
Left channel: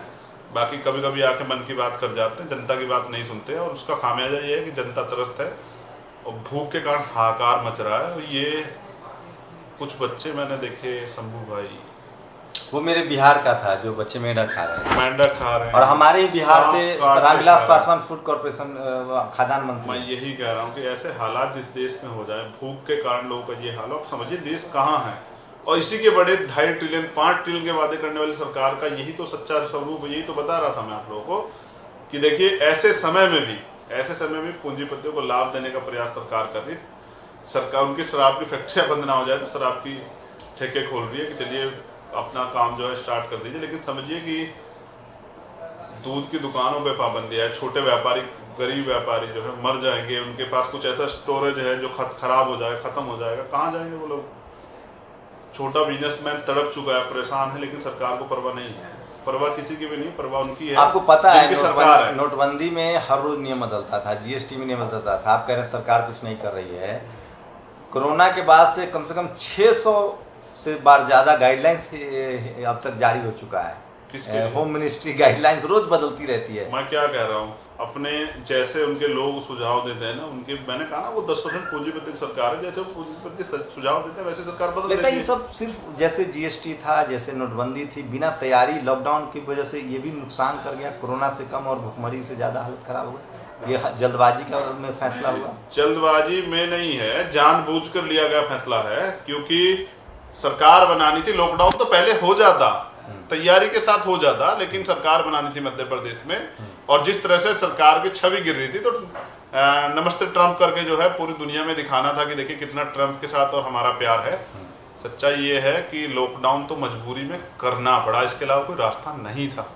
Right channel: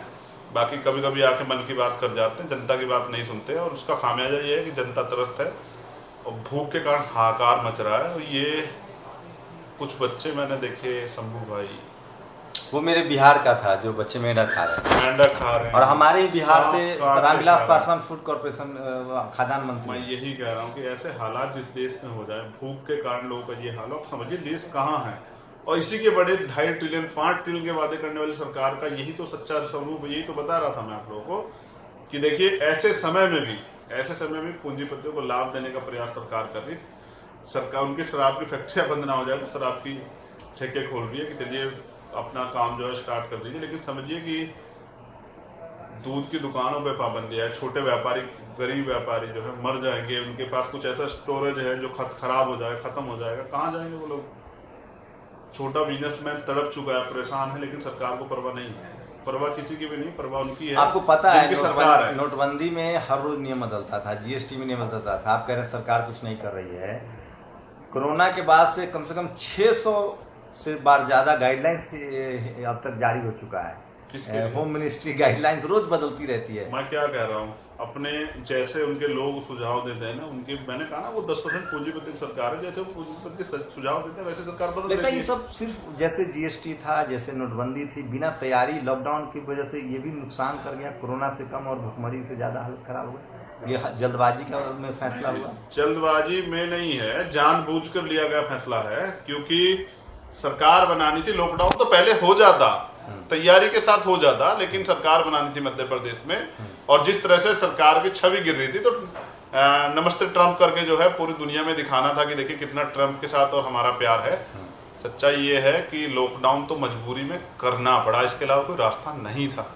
बाकी कभी कभी आके मन की बात कर जाते हैं, जनता की बात नहीं सुनते। और उसका खामियाजा ये है कि जनता त्रस्त है और भूख के कारण हाहाकार मच रहा है। और ये कुछ बच्चे मैंने देखे, शंभू भाई, वो मेरे बिहार का था जो बच्चे मेंढक खा रहे हैं, मेंढक खा रहे हैं। और हमारे ही बिहार से रामविलास पासवान फूड कॉर्पोरेशन खाद्यान्न मंत्री। मैं यही कह रहा हूँ कि ऐसे हालात जिस देश में हो जाए, भूख के कारण लोगों का ये हाल, आप समझिए देश कहाँ है। और इसी के बड़े 2.5 ट्रिलियन 5 ट्रिलियन के वादे करने वाली सरकार का यही तो सच्चा स्वरूप, यही तो बता रहा था मैं आप लोगों को कि देखिए ऐसे समय में भी पूंजीपतियों को लाभ देने का प्रयास सरकार कर रही है। सरकार उनकी शराब की फैक्ट्रियाँ बंद ना हो जाए तो शराब की ठेके खोल रही है कि चलिए अपना काम जो है स्टार्ट कर दीजिए। लेकिन समझिए कि दूध की दुकानों पे पाबंदी है, छोटे व्यापारी, गरीब व्यापारी जो है मर जाएंगे, उनके पास कुछ ऐसा स्टोरेज है जो खराब हो जाएगा, खत्म हो जाएगा, कहाँ जाएंगे वो लोग। छोटा बिजनेसमैन तड़प चुका है, परेशान है, लेकिन सरकार को परवाह नहीं है। परवाह किसी की भी नहीं, परवाह उनकी है आपको पता है जिनकी सरकार है। नोटबंदी में हर रोज नियम बदलता था, जीएसटी में नियम बदलता था। आप कह रहे हैं सरकार कुछ नहीं कर रही है। कोरोना के बाद से कम 600 से बार ज़्यादा गाइडलाइंस अब तक जारी हो चुका है। किसके होम मिनिस्ट्री गाइडलाइंस रोज बदलती रहती है। मैं क्या कह रहा हूँ, अपने जैसे उनके लोग सुझाव देते हैं ना, उनके मैंने कहा ना वो 10% पूंजीपति सरकार है, जैसे पूंजीपति सुझाव देते हैं वैसे सरकार बदल देती है। ये सब सिर्फ जैसे जीएसटी था, जैसे नोटबंदी थी, बिना तैयारी, लॉकडाउन की वजह से ये भी नुकसान कर गया। कोरोना से कम और भुखमरी से ज़्यादा हालत खराब हुई। ये जल्दबाजी का में फैसला हुआ। जल्दबाजी में नहीं है, जानबूझकर लिया गया फैसला है, क्योंकि सरकार बनानी थी। लॉकडाउन तो पहले हो जाता, तैयारी के साथ हो जाता, लेकिन सरकार बनानी थी मध्य प्रदेश में। और जिस तरह से सरकार की छवि गिर रही थी, तो नमस्ते ट्रम्प करके जो है पूरी दुनिया में दिखाना था कि देखिए कितना ट्रम्प के साथ और हमारा प्यार है। सच्चाई ये है कि लॉकडाउन तो मजबूरी में करना पड़ा, इसके अलावा कोई रास्ता नहीं था।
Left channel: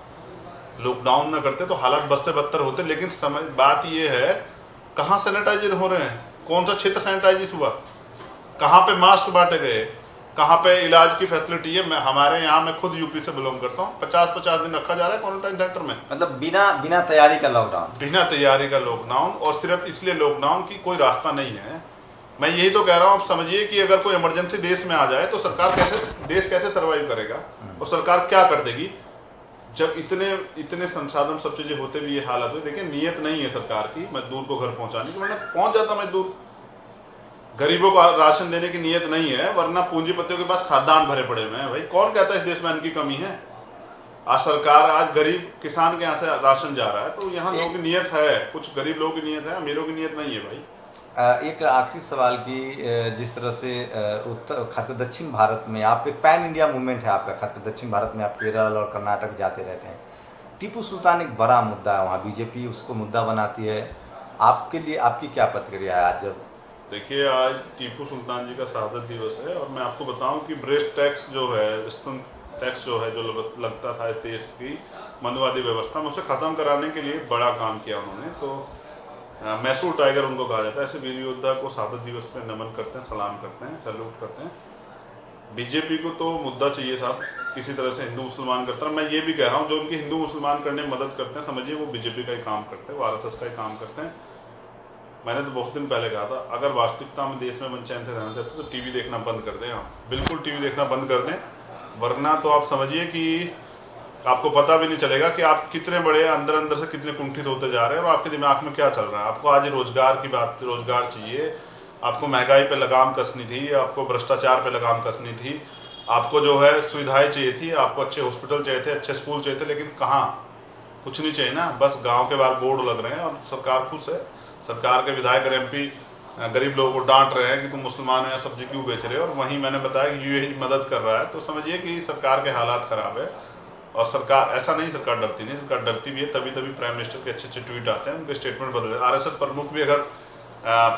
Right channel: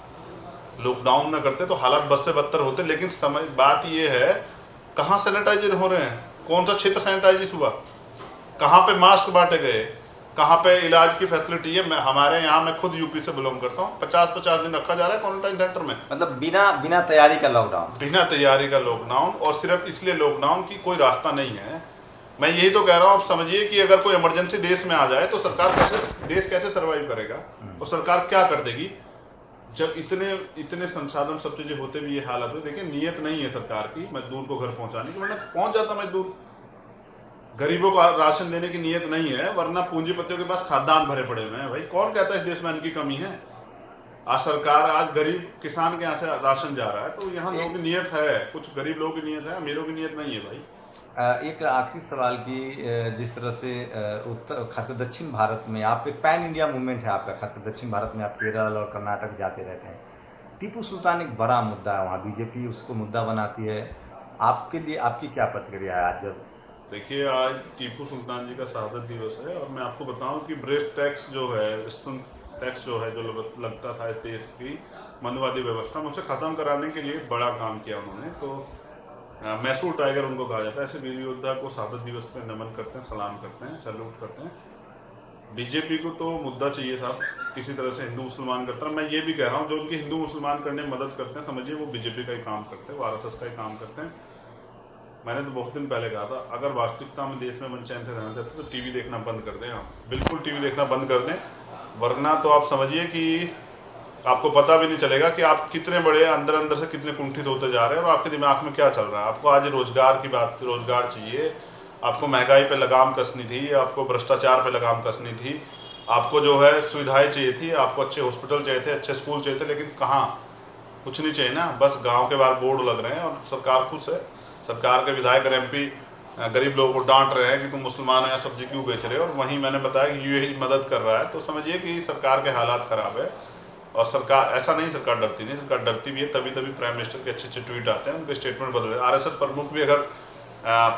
लॉकडाउन न करते तो हालात बद से बदतर होते। लेकिन समय बात ये है, कहाँ सैनिटाइजर हो रहे हैं, कौन सा क्षेत्र सैनिटाइज हुआ, कहाँ पे मास्क बांटे गए, कहाँ पे इलाज की फैसिलिटी है। हमारे यहाँ, मैं खुद यूपी से बिलोंग करता हूँ, 50-50 दिन रखा जा रहा है क्वारंटाइन सेंटर में। मतलब बिना तैयारी का लॉकडाउन, बिना तैयारी का लॉकडाउन, और सिर्फ इसलिए लॉकडाउन की कोई रास्ता नहीं है। मैं यही तो कह रहा हूँ, आप समझिए कि अगर कोई इमरजेंसी देश में आ जाए तो देश कैसे सर्वाइव करेगा, और सरकार क्या कर देगी जब इतने संसाधन सब चीजें होते भी ये हालत में। देखिए नीयत नहीं है सरकार की मजदूर को घर पहुंचाने की, वरना पहुंच जाता मजदूर। गरीबों को राशन देने की नीयत नहीं है, वरना पूंजीपतियों के पास खाद्यान्न भरे पड़े हुए हैं। भाई कौन कहता है इस देश में अन्न की कमी है? आज सरकार, आज गरीब किसान के यहाँ से राशन जा रहा है, तो यहाँ लोगों की नीयत है, कुछ गरीब लोगों की नीयत है, अमीरों की नीयत नहीं है भाई। एक आखिरी सवाल की, जिस तरह से उत्तर, खासकर दक्षिण भारत में आप एक पैन इंडिया मूवमेंट है आपका, खासकर दक्षिण भारत में आप केरल और कर्नाटक जाते रहते हैं। टीपू सुल्तान एक बड़ा मुद्दा है वहाँ, बीजेपी उसको मुद्दा बनाती है। आपके लिए आपकी क्या प्रतिक्रिया है आज जब? देखिए आज टीपू सुल्तान जी का शहादत दिवस है, और मैं आपको बताऊं कि ब्रेस्ट टैक्स जो है, स्तन टैक्स जो है, जो लगता था देश की मनवादी व्यवस्था में, उसे ख़त्म कराने के लिए बड़ा काम किया उन्होंने। तो मैसूर टाइगर उनको कहा जाता है। ऐसे वीर योद्धा को शहादत दिवस पे नमन करते हैं, सलाम करते हैं, सैल्यूट करते हैं। बीजेपी को तो मुद्दा चाहिए साहब, किसी तरह से हिंदू मुसलमान करता है। मैं ये भी कह रहा हूँ, जो उनके हिंदू मुसलमान करने में मदद करते हैं, समझिए वो बीजेपी का ही काम करते हैं, वो RSS का ही काम करते हैं। मैंने तो बहुत दिन पहले कहा था, अगर वास्तविकता में देश में मन चैन से रहना चाहते तो टीवी देखना बंद कर दें। आप बिल्कुल टीवी देखना बंद कर दें, वरना तो आप समझिए कि आपको पता भी नहीं चलेगा कि आप कितने बड़े अंदर से कितने कुंठित होते जा रहे हैं, और आपके दिमाग में क्या चल रहा है। आपको आज रोजगार की बात, रोजगार चाहिए, आपको महंगाई पे लगाम कसनी थी, आपको भ्रष्टाचार पे लगाम कसनी थी, आपको जो है सुविधाएं चाहिए थी, आपको अच्छे हॉस्पिटल चाहिए थे, अच्छे स्कूल चाहिए थे, लेकिन कहाँ, कुछ नहीं चाहिए ना। बस गाँव के बाहर बोर्ड लग रहे हैं और सरकार खुश है। सरकार के विधायक और MP गरीब लोगों को डांट रहे हैं कि तुम मुसलमान हो या सब्जी क्यों बेच रहे हो, और वहीं मैंने बताया कि UAE मदद कर रहा है। तो समझिए कि सरकार के हालात खराब है। और सरकार, ऐसा नहीं सरकार डरती नहीं, सरकार डरती भी है। तभी प्राइम मिनिस्टर के अच्छे ट्वीट आते हैं, उनके स्टेटमेंट बदले। RSS प्रमुख भी अगर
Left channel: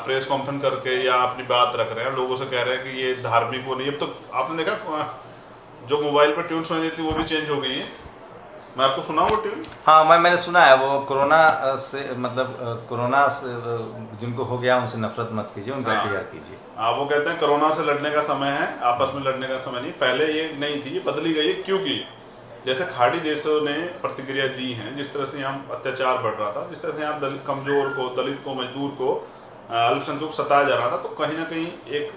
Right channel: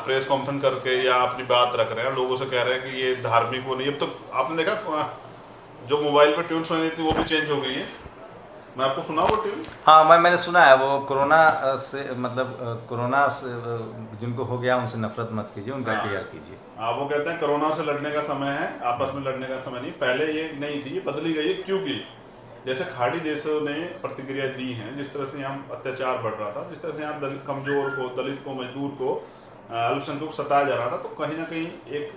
प्रेस कॉन्फ्रेंस करके या अपनी बात रख रहे हैं, लोगों से कह रहे हैं कि ये धार्मिक वो नहीं। अब तो आपने देखा जो मोबाइल पर ट्यून सुनाई देती वो भी चेंज हो गई है। मैं आपको सुना वो ट्यून? हाँ, मैंने सुना है। वो कोरोना से, मतलब कोरोना से जिनको हो गया उनसे नफरत मत कीजिए, उनका इंतजार कीजिए। हाँ, वो कहते हैं कोरोना से लड़ने का समय है, आपस में लड़ने का समय नहीं। पहले ये नहीं थी, ये बदली गई है। क्योंकि जैसे खाड़ी देशों ने प्रतिक्रिया दी है, जिस तरह से यहाँ अत्याचार बढ़ रहा था, जिस तरह से यहाँ कमजोर को, दलित को, मजदूर को, अल्पसंख्यक को सताया जा रहा था, तो कहीं ना कहीं एक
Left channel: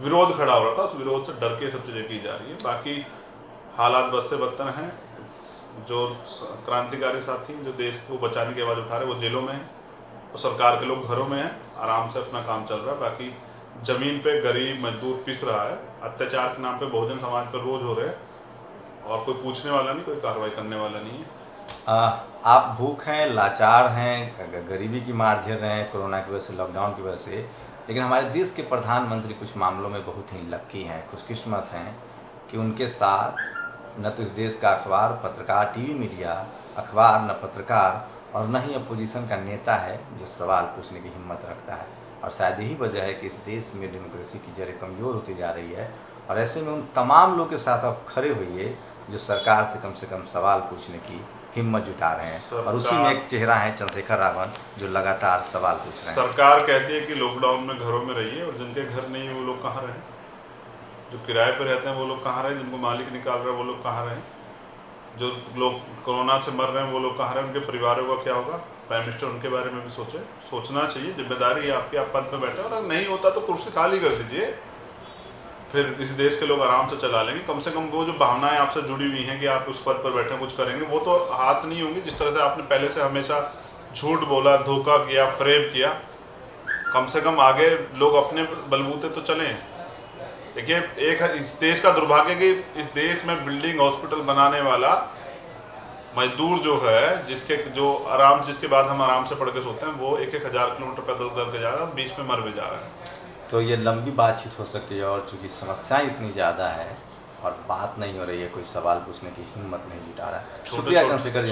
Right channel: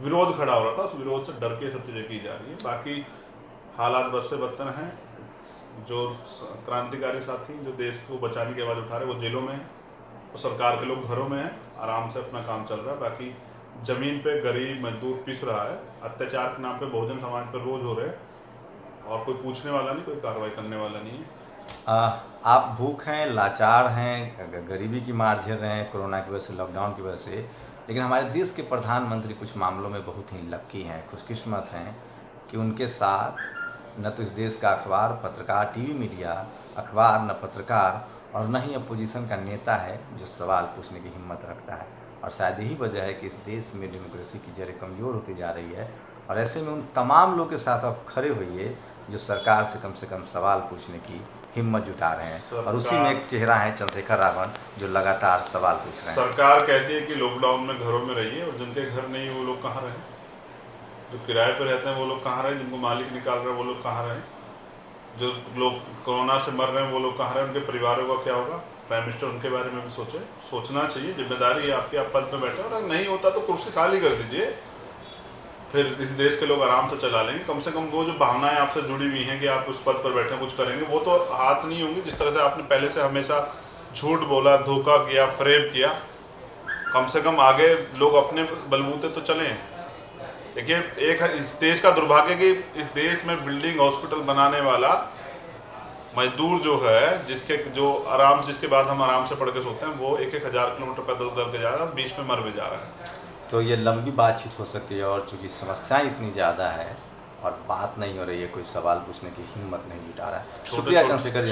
विरोध खड़ा हो रहा था। उस विरोध से डर के सब चीजें की जा रही है। बाकी हालात बद से बदतर हैं। जो क्रांतिकारी साथी जो देश को बचाने की आवाज़ उठा रहे, वो जेलों में है, और सरकार के लोग घरों में हैं, आराम से अपना काम चल रहा है। बाकी जमीन पे गरीब मजदूर पिस रहा है। अत्याचार के नाम पे बहुजन समाज पर रोज हो रहे हैं, और कोई पूछने वाला नहीं, कोई कार्रवाई करने वाला नहीं है। आप भूख हैं, लाचार हैं, गरीबी की मार झेल रहे हैं कोरोना की वजह से, लॉकडाउन की वजह से, लेकिन हमारे देश के प्रधानमंत्री कुछ मामलों में बहुत ही लक्की हैं, खुशकिस्मत हैं कि उनके साथ न तो इस देश का अखबार, पत्रकार, टीवी मीडिया, अखबार, न पत्रकार, और न ही अपोजिशन का नेता है जो सवाल पूछने की हिम्मत रखता है। और शायद यही वजह है कि इस देश में डेमोक्रेसी की जड़ें कमज़ोर होती जा रही है। और ऐसे में उन तमाम लोग के साथ आप खड़े होइए जो सरकार से कम सवाल पूछने की हिम्मत जुटा रहे हैं। और उसी में एक चेहरा है चंद्रशेखर रावण जो लगातार सवाल पूछ रहे हैं। सरकार कहती है कि लॉकडाउन में घरों में रहिए, और जिनके घर नहीं वो लोग कहाँ रहें? जो किराए पर रहते हैं वो लोग कहाँ रहें? जिनको मालिक निकाल रहे हैं वो लोग कहाँ रहें? जो लोग कोरोना से मर रहे हैं वो लोग कहाँ रहें? उनके परिवारों का क्या होगा? प्राइम मिनिस्टर उनके बारे में भी सोचे। सोचना चाहिए, जिम्मेदारी है आपकी, आप पद पर बैठे। और अगर नहीं होता तो कुर्सी खाली कर दीजिए, फिर इस देश के लोग आराम से चला लेंगे। कम से कम वो जो भावनाएं आपसे जुड़ी हुई हैं कि आप उस पद पर बैठे कुछ करेंगे, वो तो हाथ नहीं होंगी। जिस तरह से आपने पहले से हमेशा झूठ बोला, धोखा किया, फ्रेब किया, कम से कम आगे लोग अपने बलबूते तो चलें। देखिए, एक इस देश का दुर्भाग्य कि इस देश में बिल्डिंग हॉस्पिटल बनाने वाला मजदूर जो है, जिसके बाद हम आराम से पढ़ के सोते हैं, वो 1,000 किलोमीटर पैदल कर के जा रहा है, बीच में मर भी जा रहा है। तो ये लंबी बातचीत हो सकती है, और चूंकि समस्याएं इतनी ज़्यादा है और बात नहीं हो रही है, कोई सवाल पूछने की हिम्मत नहीं जुटा रहा है।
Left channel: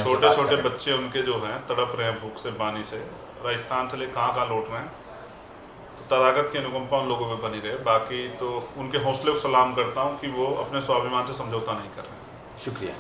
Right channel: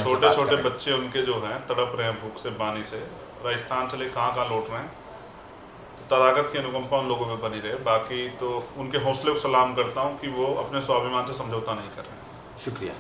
छोटे छोटे बच्चे उनके जो हैं तड़प रहे हैं भूख से, पानी से, राजस्थान से ले कहाँ लौट रहे हैं। तो तथागत की अनुकंपा उन लोगों में बनी रहे। बाकी तो उनके हौसले को सलाम करता हूँ कि वो अपने स्वाभिमान से समझौता नहीं कर रहे हैं। शुक्रिया।